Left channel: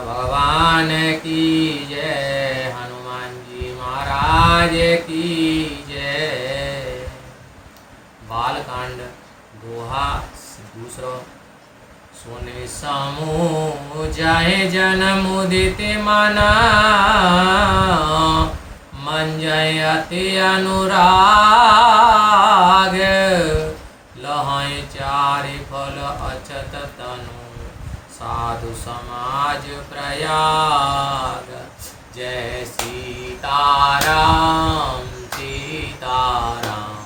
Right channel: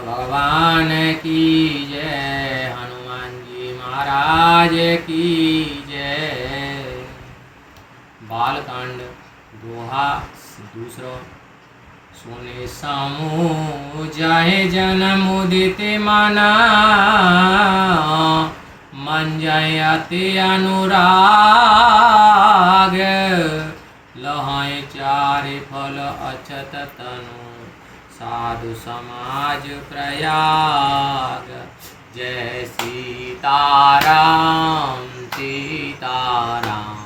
भगवान की जय, हनुमान जी महाराज की जय। बालकांड दोहा दूसरो। सोने समूह जाए जन्म उदित माना, मन जाए अति अनुराग, लहाए चारि फल अछत तनु, साधु समाज प्रयाग। जय सीताराम सीताराम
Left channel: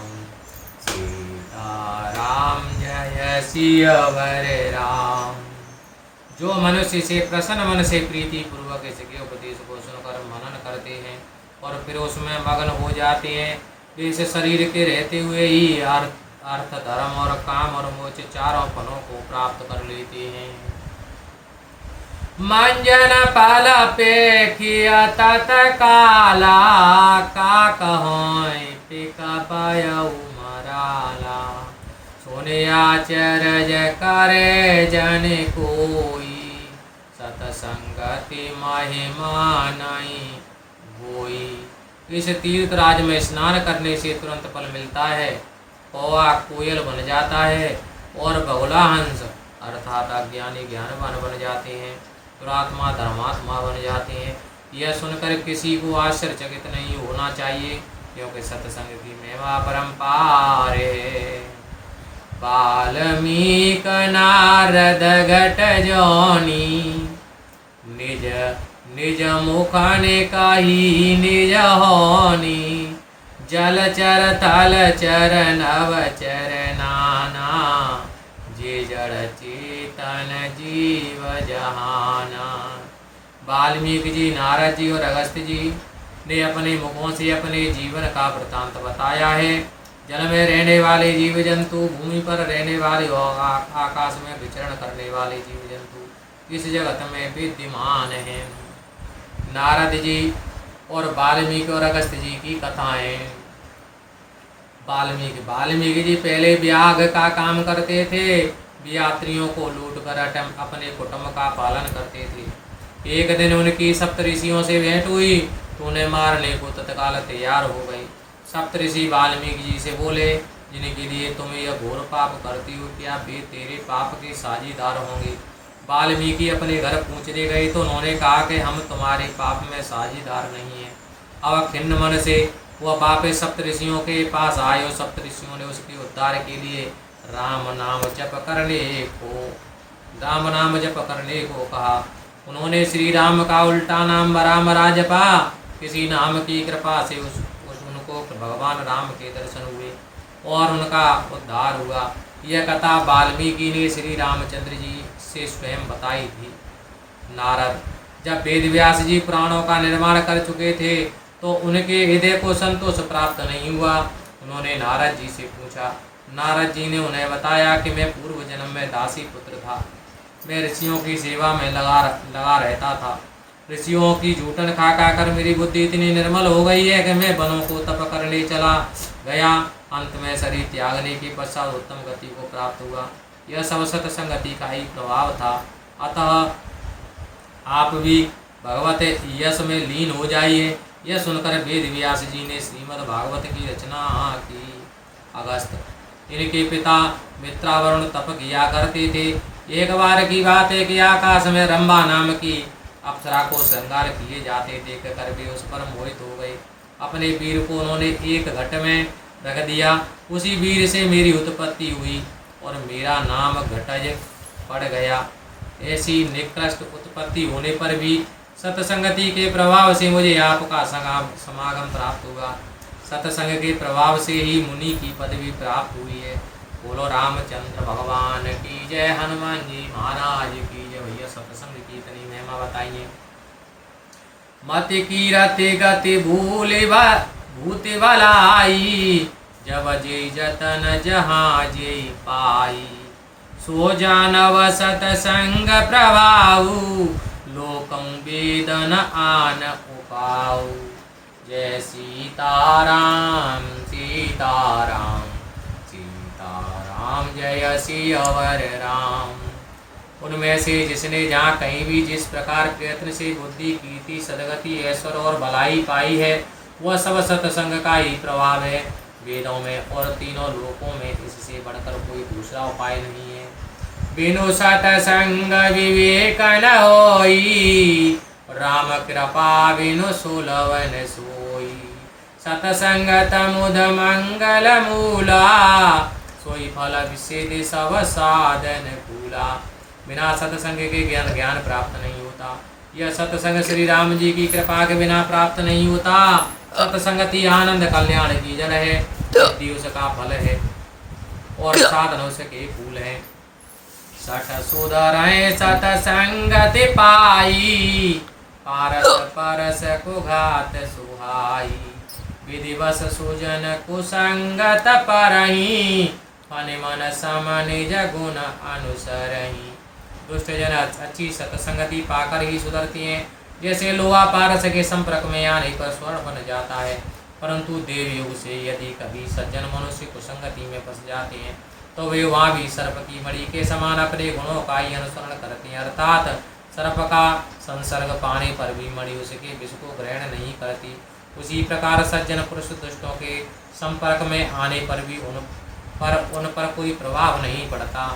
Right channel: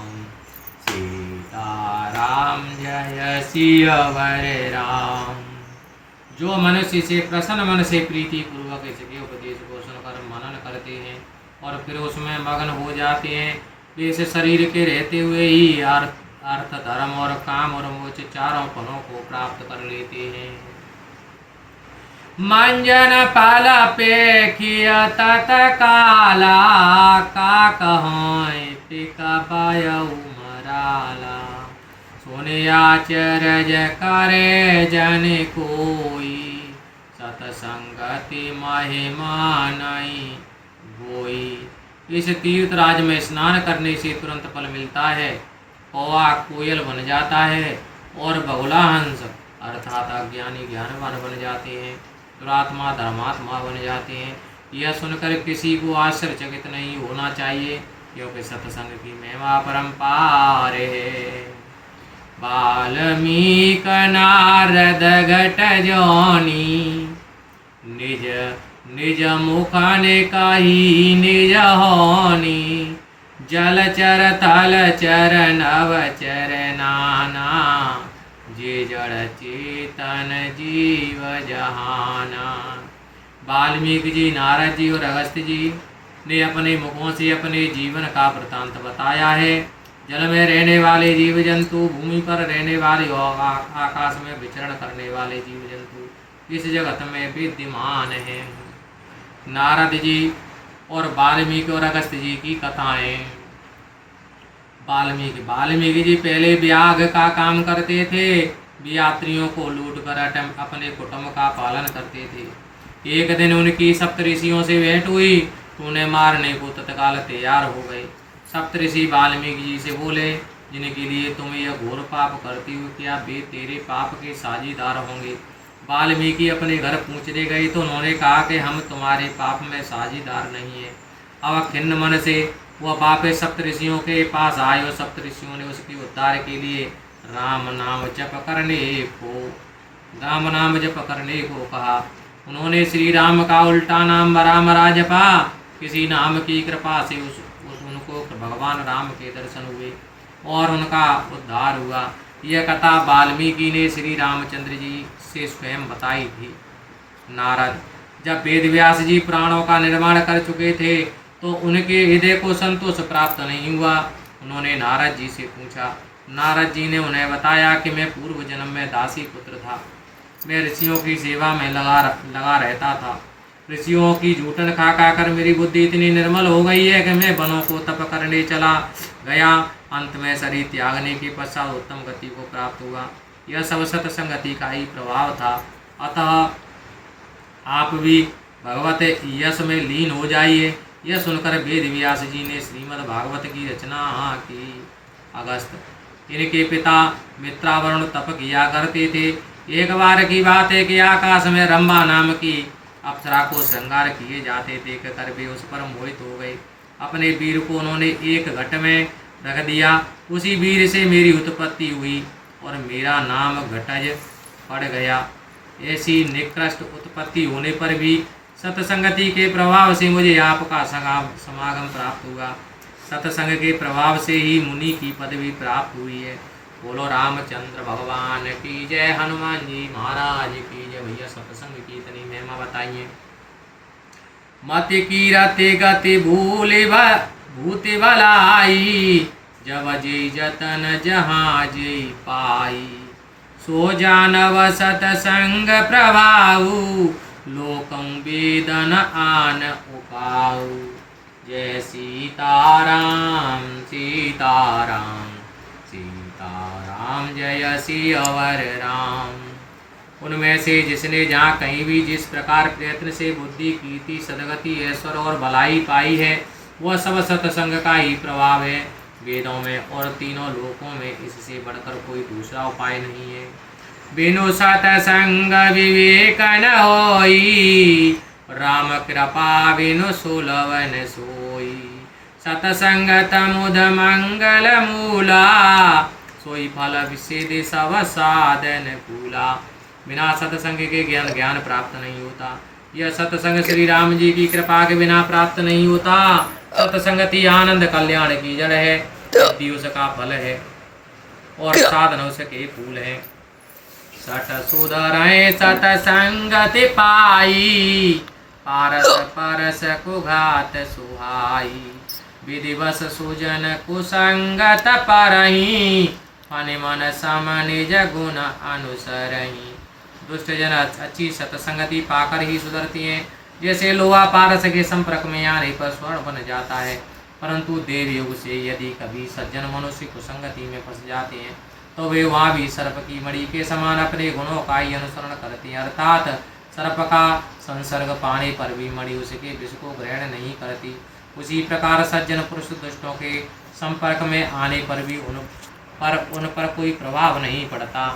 सीताराम, जय सियावर राम। जो मनुष्य से प्रसन्न मन से प्रीति पूर्वक इसके उपदेश को सुनकर मनन करते हैं और फिर उसमें मगन हो जाते हैं, वे इस शरीर के रहते हुए ही अर्थ धर्म और काम और मोक्ष चारों फलों को प्राप्त कर लेते हैं। मंजन पल पेखिया तत्काला, का कहों टिका पायऊ मराला। सोने आचरज करे जन कोई, सतसंगति महिमा नहीं होई। इस तीर्थ राज में स्नान करने से तुरंत फल मिलता है। कौआ कोयल बन जाता है और बगुला हंस अर्थात अज्ञानी ज्ञानवान बन जाते हैं, दुरात्मा धर्मात्मा बन जाते हैं। यह सुनकर किसी को आश्चर्यचकित नहीं होना चाहिए, क्योंकि सत्संग की महिमा परंपार है। वाल्मीक नारद घट जोनी, निज निज मुख ने कही निज होनी। जलचर थलचर नवचर नाना, जे जड़ चेतन जीव जहाना। वाल्मीकि जी, नारद जी और अगस्त्य जी ने अपने मुखों से अपने जीवन का वृतांत बताया है। जल में रहने वाले जीव जंतु, भूमि पर रहने वाले और आकाश में विचरण करने वाले जीव जंतु इस जगत में विद्यमान हैं। नारद जी और वाल्मीकि और अगस्त्य जी की कथाएं। वाल्मीकि जी पहले व्याघ का काम करते थे। वे यात्रियों को लूट कर अपने कुटुंब का पालन करते थे। एक दिन उनकी सप्तऋषियों से भेंट हुई तो उन्हें मारने को तत्काल तैयार हो गए। सप्तऋषि वाल्मीकि जी से बोले, जिनके लिए तुम यह घोर पाप करती हो, क्या वे तेरे पाप के साझीदार होंगे? वाल्मीकि अपने घर पहुँचने गए तो उन्होंने कहा कि हम तुम्हारे पाप में साझीदार नहीं हैं। अब खिन्न मन से वह वापस सप्तऋषियों के पास आए और सप्तऋषियों ने उसके उद्धार के लिए राम नाम जप करने को कहा। उन्होंने श्री राम का उल्टा नाम राम जपा। किसी नाम की कृपा से उनको भगवान राम के दर्शन हुए और उनका उद्धार हुआ। यह कथा वाल्मीकि ने श्री रामचंद्र जी से स्वयं बताई थी। नारद, जब वेदव्यास जी पुराणों का निर्माण कर चुके थे तो उनके हृदय को संतोष प्राप्त नहीं हुआ। उन्होंने नारद जी से पूछा। नारद जी ने उन्हें बताया कि मैं पूर्व जन्म में दासी पुत्र था। मैं ऋषियों की सेवा में लगा रहता था। ऋषियों की जूठन खा कर मेरी बुद्धि इतनी निर्मल हो गई है कि मैं वनों को तप करने चला गया। अंत में शरीर त्यागने के पश्चात उत्तम गति को प्राप्त हुआ। यह सब सत्संगति का ही प्रभाव था। अतः आप भी भगवत यश में लीन हो जाइए। यह सुनकर वेदव्यास जी ने श्रीमद् भागवत की रचना की। अगस्त, इनके पिता मित्रावरुण तप किया करते थे। एक बार की बात है कि आकाश में रंभा नाम की अप्सरा को श्रृंगार किए जाते देख कर वे उस पर मोहित हो गए। अपने वीर को उन्होंने एक घट में रख दिया। उसी वीर से मेरी उत्पत्ति हुई और मेरा नाम घटज पड़ गया। ऐसी निकृष्ट उत्पत्ति होने पर भी सत्संगति के प्रभाव से मुझे आपका समागम प्राप्त हुआ। सत्संग के प्रभाव से ही मुनि की पदवी प्राप्त हुई है। बोलो रामचंद्र भगवान की जय, हनुमान जी महाराज की जय। भैया सत्संग की इतनी महिमा बताइए। मति की रति गति भूति भलाई, जब जे जतन जहाँ जे पाई। सो जानव सतसंग प्रभाव, लोकं वेदन आन उपाऊ। जय सीताराम सीताराम सीताराम, जय सियावर राम। उनमें से जिसने जहाँ कहीं भी जिस प्रकार प्रयत्न से बुद्धि कीर्ति सदगति ऐश्वर्य और भलाई पाई है वह सब सत्संग का ही प्रभाव है। वेदों में और तीनों लोकों में इससे बढ़कर कोई दूसरा उपाय नहीं है। बिनु सतसंग विवेक न होई, राम कृपा बिनु सुलभ न सोई। सतसंगत मुद मंगल मूला, सोई फल विषेद सब साधन कूला। बिना सत्संग के ज्ञान प्राप्त नहीं होता। यह सत्संग श्री राम जी की कृपा के बिना प्राप्त नहीं होता। सत्संगति आनंद कल्याण की जड़ है, बुद्धि उसका फल है और साधन उसके फूल है। सठ सुधरय सतसंगति पाई, पारस परस कुघात सुहाई। विधिवश सुजन कुसंगत परही, मन मन सम निज गुण अनुसरही। दुष्ट जन अच्छी सत्संगति पाकर ही सुधरती हैं। जैसे लोहा पारस के संपर्क में आने पर स्वर्ण बन जाता है, परंतु देव युग से यदि कभी सज्जन मनुष्य कुसंगति में फंस जाते हैं तो वे वहाँ भी सर्प की मणि के समान अपने गुणों का ही अनुसरण करते हैं। अर्थात सर्प का संसर्ग पाने पर भी मणि उसके विष को ग्रहण नहीं करती। उसी प्रकार सज्जन पुरुष दुष्टों के संपर्क में आने पर भी उन पर कोई प्रभाव नहीं पड़ता।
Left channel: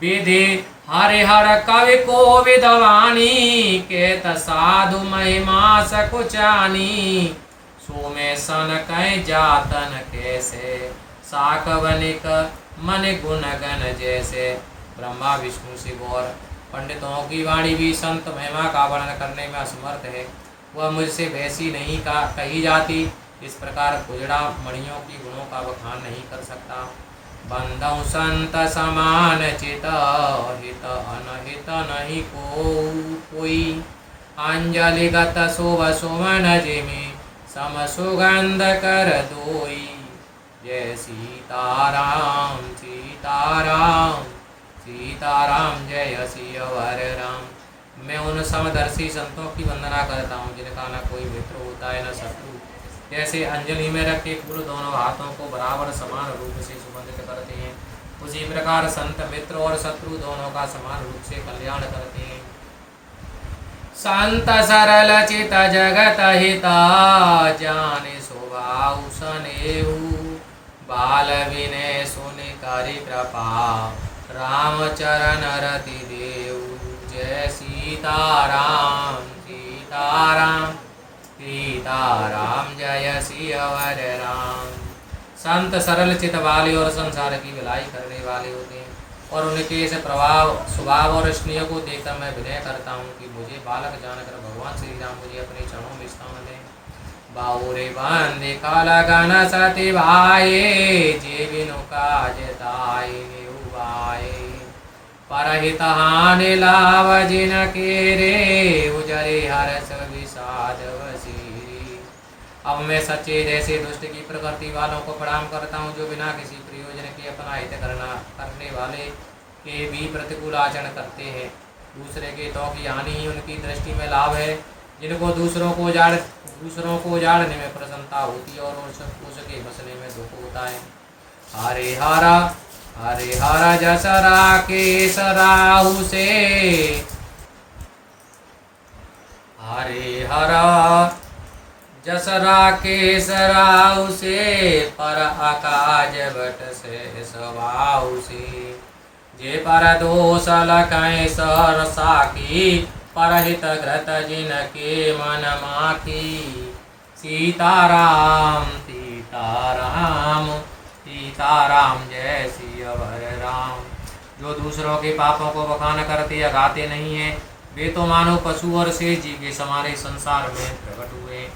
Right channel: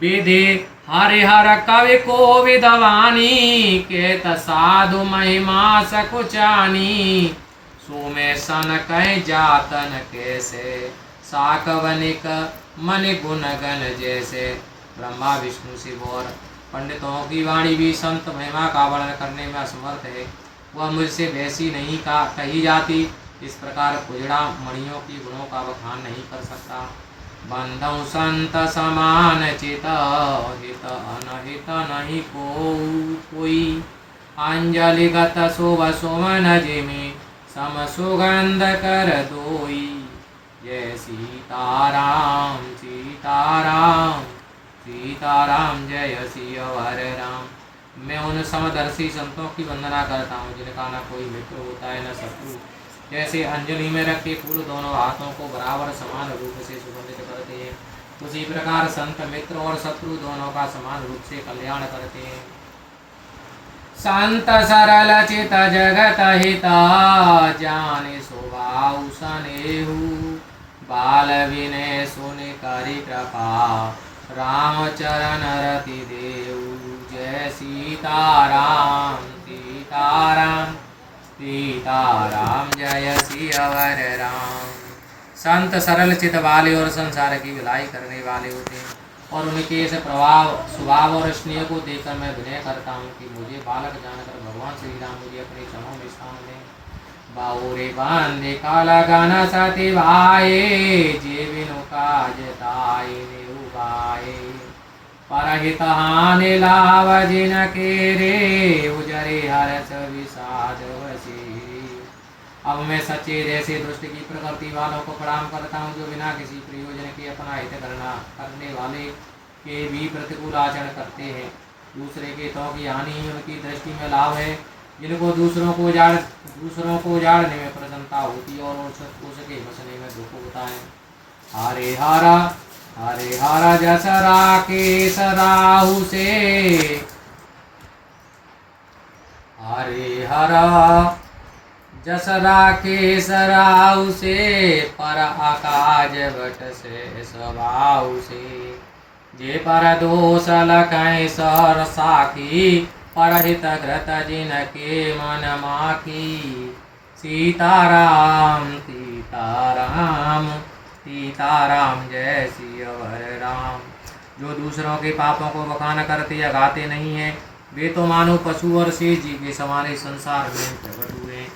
विधि हरिहर कवि को विद्वानी, केत साधु महिमा सकुचानी। सो में सन कह जातन कैसे, साकवनिक मन गुण गण जैसे। ब्रह्मा विष्णु शिव और पंडितों की वाणी भी संत महिमा का वर्णन करने में असमर्थ है, वह मुझसे वैसी नहीं कही जाती। इस प्रकार पुजड़ा मणियों की गुणों का बखान नहीं कर सकता। बंधु संत समान चित, हित अनहित नहीं कोई। अंजलिगत शुभ सुमन जिमि, सम सुगंध कर दोई। जय सीताराम सीताराम सीताराम, जय सियावर राम। मैं उन समदर्शी संतों की वंदना करता हूँ जिनका न कोई मित्र होता है न शत्रु। जैसे अंजलि में रखे फूल दोनों हाथों को बराबर समान रूप से सुगंधित करते हैं, उसी प्रकार संत मित्र और शत्रु दोनों का समान रूप से कल्याण करते हैं। संत सरल चित जगत हिता, जाने स्वभाव सनेहु। बाल विनय सुनि करि कृपा, राम चरण रति देहु। जय सीताराम सीताराम सीताराम, जय सियावर राम। संत सरल चित वाले और संसार की भलाई करने वाले होते हैं, और उनके इस स्वभाव और स्नेह को देखकर मैं विनय करता हूँ कि मुझे बालक जानकर भगवान श्री राम मुझे अपने चरणों में स्थान दें। बाहुरे बांधे काला गाना साथे भाए, जे बिनु काज ताए नेहु भाए। परहित हानि लाभ जिन केरे, उजरे हर्ष विषाद वसीरे। अब मैं सच्चे जैसे दुष्ट की प्रकृति वालों को प्रणाम करता हूँ, जो बिना किसी प्रयोजन के अपना हित करने वाले के भी प्रतिकूल आचरण करते हैं। दूसरे के हितों की हानि ही उनकी दृष्टि में लाभ है। जिनको दूसरों को उजाड़ने में प्रसन्नता होती है और उसके बसने में दुख होता है। हरे हरा जसरा केस राहु से, हरे हरा जसरा केस राहु से। पर आकाज बट से स्वभाव से, जे पर दोष लखै सर साखी। परहित घृत जिनके मन माखी। सीताराम सीताराम सीताराम, जय सियावर राम। जो दूसरों के पापों को बखान करते या गाते नहीं हैं, वे तो मानो पशु और शेष जी के समान इस संसार में प्रकट हुए।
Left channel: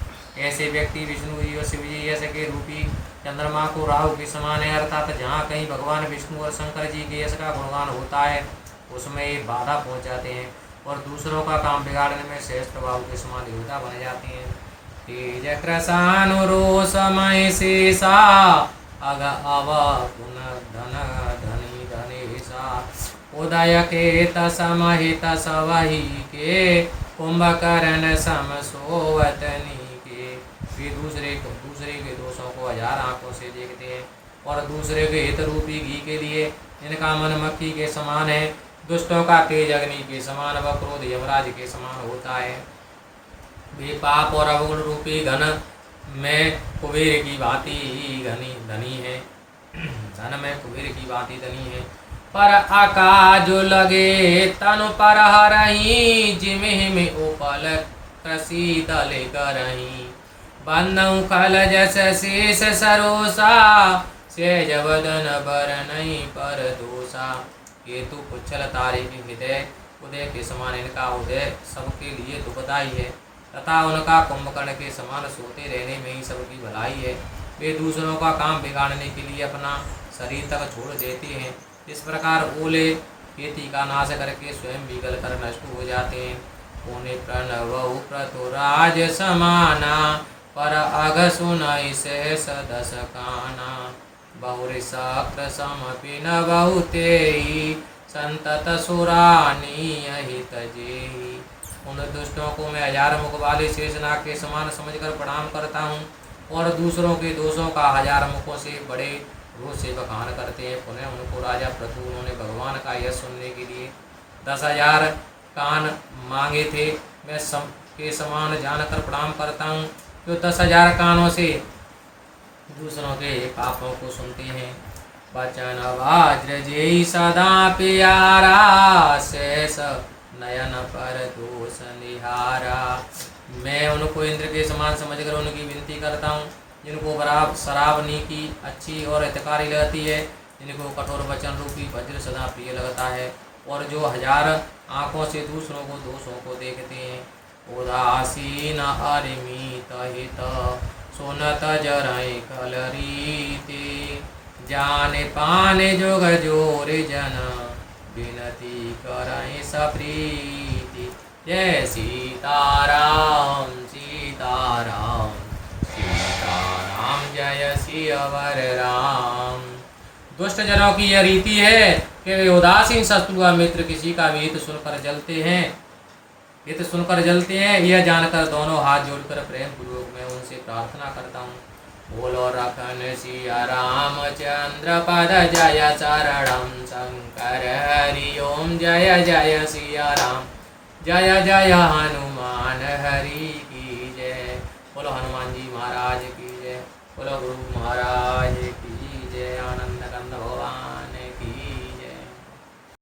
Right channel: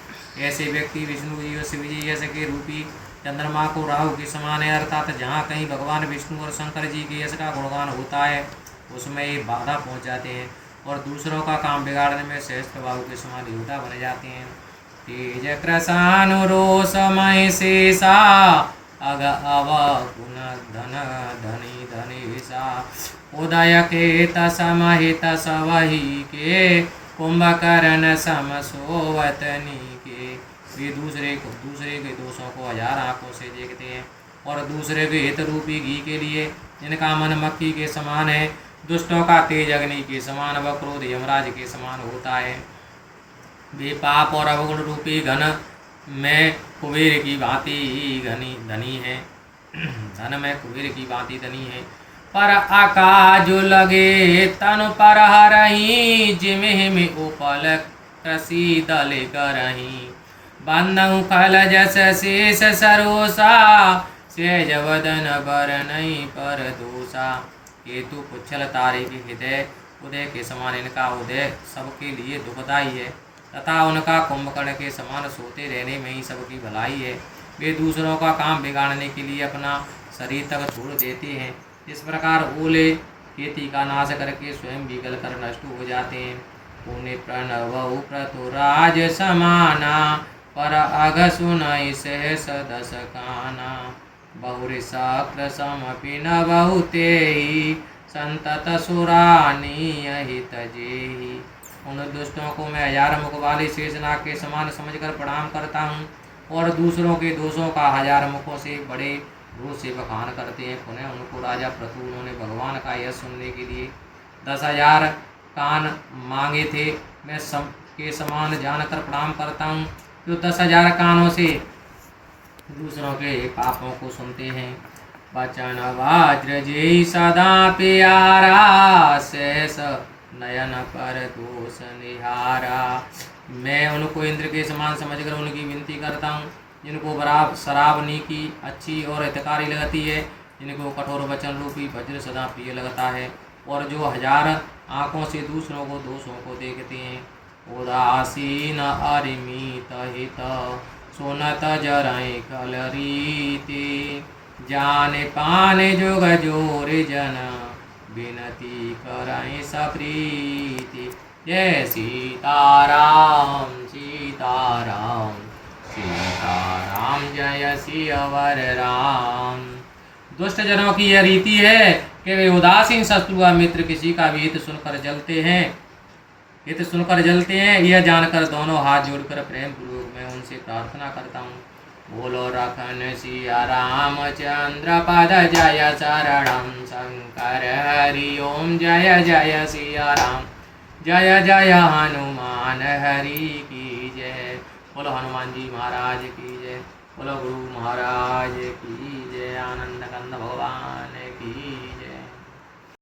ऐसे व्यक्ति विष्णु यश विजय यश के रूपी चंद्रमा को राहु के समान है। अर्थात जहाँ कहीं भगवान विष्णु और शंकर जी के यश का गुणगान होता है, उसमें ये बाधा पहुँच जाते हैं और दूसरों का काम बिगाड़ने में सहज प्रभाव के समान योद्धा बन जाते हैं। तेज कृशानुरोषमय शेषा, अग अव गुण धन धनी धनी सा। उदय केत समहित सवही के, कुंभकर्ण सम सोवतनी के। ये दूसरे के दोषों को हजार आंखों से देखते हैं और दूसरे के हित रूपी घी के लिए इनका मन मक्खी के समान है। दुष्टों का तेज अग्नि के समान व क्रोध यमराज के समान होता है। वे पाप और अवगुण रूपी घन में कुबेर की भांति धनी है। धन में कुबेर की भांति धनी है। पर आकाश जो लगे तनु पर हरही, जिमहि में उपल कृषि दल करही। बंधु खल जस शेष सरोसा, सेज वदन बर नहीं पर दोषा। केतु पुच्छल तारे की हृदय उदय के समान इनका उदय सबके लिए दुखदाई है, तथा उनका कुंभकर्ण के समान सोते रहने में ही सबकी भलाई है। वे दूसरों का काम बिगाड़ने के लिए अपना शरीर तक छोड़ देते हैं। इस प्रकार ओले खेती का नाश करके स्वयं बिगल कर नष्ट हो जाते हैं। पुण्य प्रणव प्रतुराज समाना, पर अघ सुनई सहस दस काना। बहुरिशक्र समपि न बहुते ही, संतत सुरानी अहित जेहि। उन दुष्टों को मैं 1000 मुख वाले शेषनाग के समान समझकर प्रणाम करता हूँ, और दूसरों के दोषों का 1000 मुखों से बड़े रोष से बखान करते हैं। पुनः उनको राजा प्रतु उन्होंने भगवान का यश सुनने के लिए 10,000 कान मांगे थे। मैं सब के समान जानकर प्रणाम करता हूँ, जो 10,000 कानों से दूसरों के पापों को सुनते हैं। वचन वज्र जेहि सदा प्यारा, शेष नयन पर दोष निहारा। मैं उनको इंद्र के समान समझकर उनकी विनती करता हूँ, जिनको बराबर शराब नीति अच्छी और हितकारी लगती है, जिनको कठोर वचन रूपी वज्र सदा प्रिय लगता है, और जो 1000 आँखों से दूसरों को दोषों को देखते हैं। उदासीन अरिमित हित, सुनत जरई कलरीति। जाने पाने जोग जोरि जन, विनती करई सप्रीति। जय सीताराम सीताराम सीताराम, जय सियावर राम। दुष्ट जनों की यह रीति है कि वे उदासीन शत्रु व मित्र किसी का भी हित सुनकर जलते हैं। यह जानकर दोनों हाथ जोड़कर प्रेम पूर्वक मैं उनसे प्रार्थना करता हूँ। बोलो रखन सिया रामचंद्र पद जय शरणम शंकर हरि ओम। जय जय सिया राम, जय जय हनुमान हरि की जय। बोलो हनुमान जी महाराज की जय। बोलो गुरु महाराज की जय। आनंद कंद भगवान की